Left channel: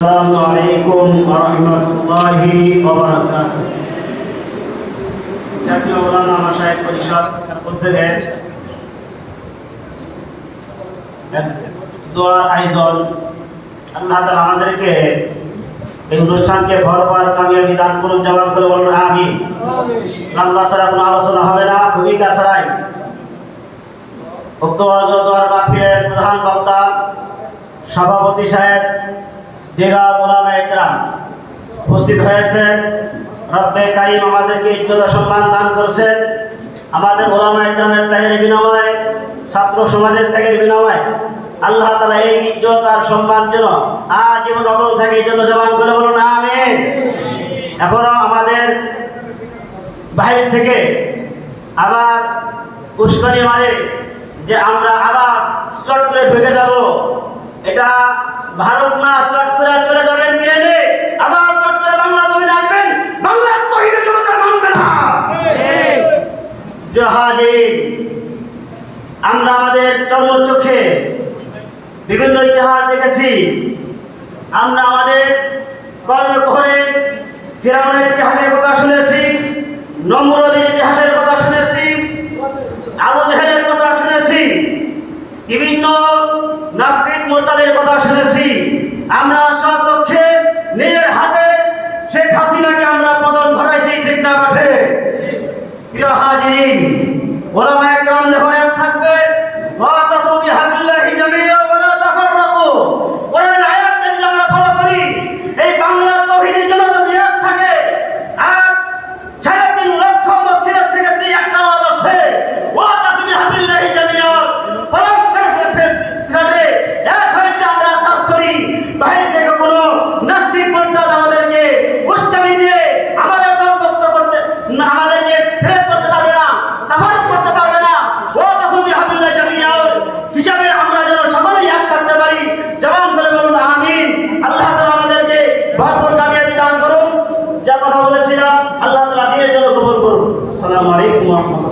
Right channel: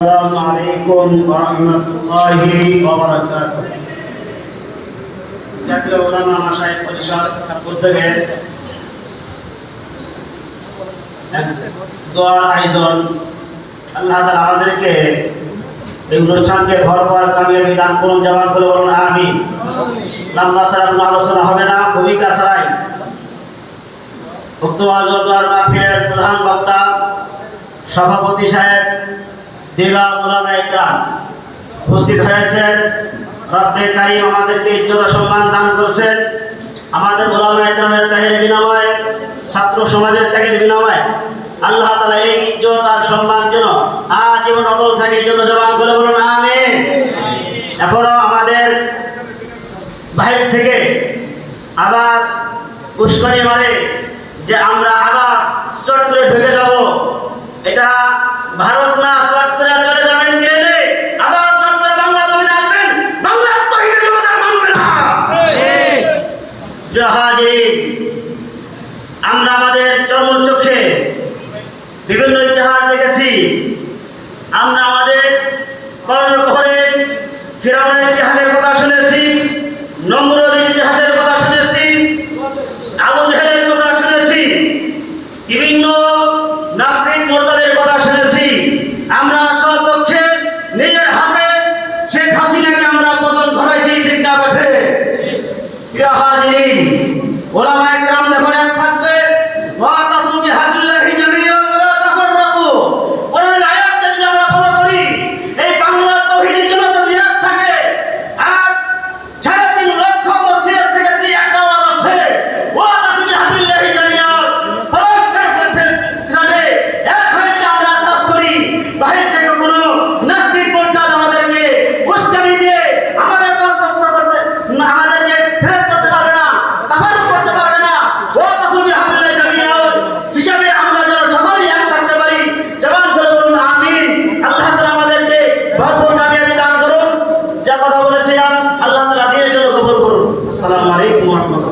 السلام عليكم ورحمة الله وبركاته জাতীয় ওলামা মাসায়েক পরিষদ উদ্যোগে এক দোয়ার আয়োজন আল্লাহ তাআলা আমাদেরকে এই অনুষ্ঠানকে ভরপুর কামিয়াবি দান করুন জবাব করে বলুন আমি লম্বা ছাড়া কোনো আলোচনা হবে না ভূমিকা ছাড়াই উক্ত দোয়ার মাহফিলের প্রধান বক্তা সভাপতি সাহেব দিঘা ওলামা একরাম উপস্থিত হয়েছেন। রব্বে কারিম আমাদেরকে ইজ্জত সম্মান দান করছেন। আমাদের ওলামা একরামের ত্যাগের বিনিময়ে, ছাত্র সমাজের ত্যাগের বিনিময়ে আল্লাহ তালা এই ইজ্জত আর সম্মান যেন আজীবন অটল থাকে, এই জন্য জবান করে বলুন আমি এখনও আমাদের বাইরে থেকে আবার উস্কানি মারে যে আমরা আবার চট করে ঢুকে যাব। এটা ভারত না করে চলে যাবেন গেলে আবার চট করে বাংলা জমিনে আসবেন বাংলা তহিদের জন্য মানবে না। জাহাজির আমরা আমাদের চর্মচক্ষে বিভিন্ন ইতিহাস দেখেছি। আমরা আমাদের কর্ণকহরের ফিরাউনের ইতিহাসের কথা শুনেছি, নম্রদের ইতিহাসের কথা শুনেছি, আবু জাহেলের কথা শুনেছি, বিভিন্ন নাস্তিক মোর্তাদের কথা শুনেছি। আমরা স্বচক্ষে নিজের হাতে যা কথা বলেছিলাম আল্লাহ তালা দিয়ে যেন কবল করুন। আসসালামু আলাইকুম